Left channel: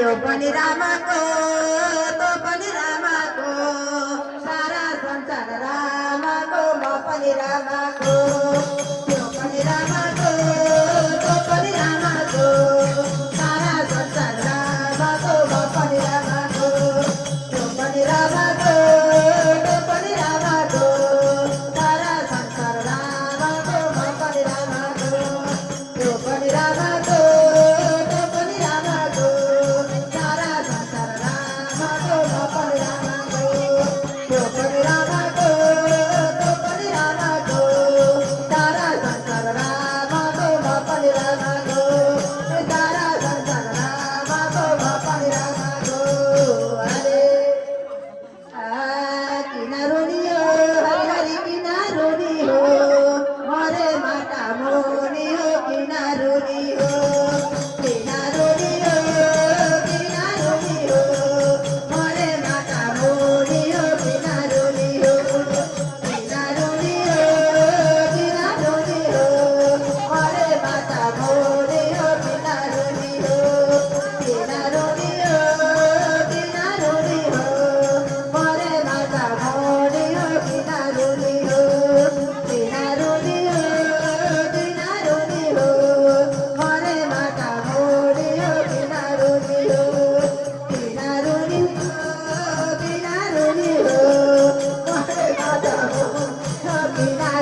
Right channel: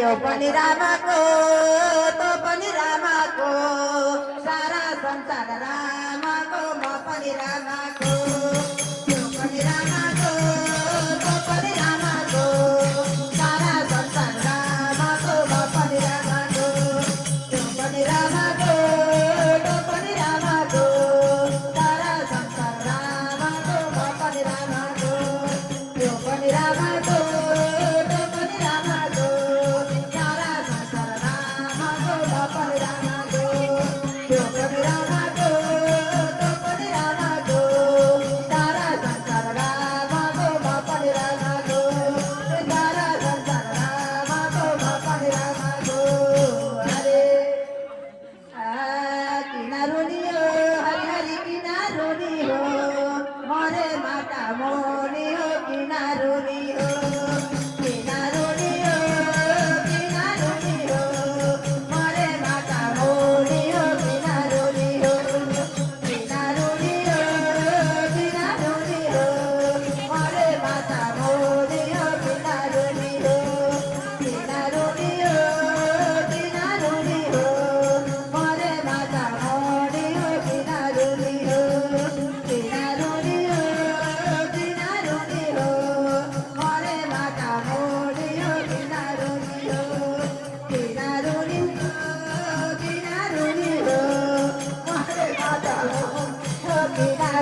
यो पनि रामको तो पनि रामको सारा संसार रामको म पनि रामको यो पनि रामको तो पनि रामको सारा संसार रामको म पनि रामको यो पनि रामको तो पनि रामको सारा संसार रामको म पनि रामको यो पनि रामको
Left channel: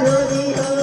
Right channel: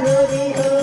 Hare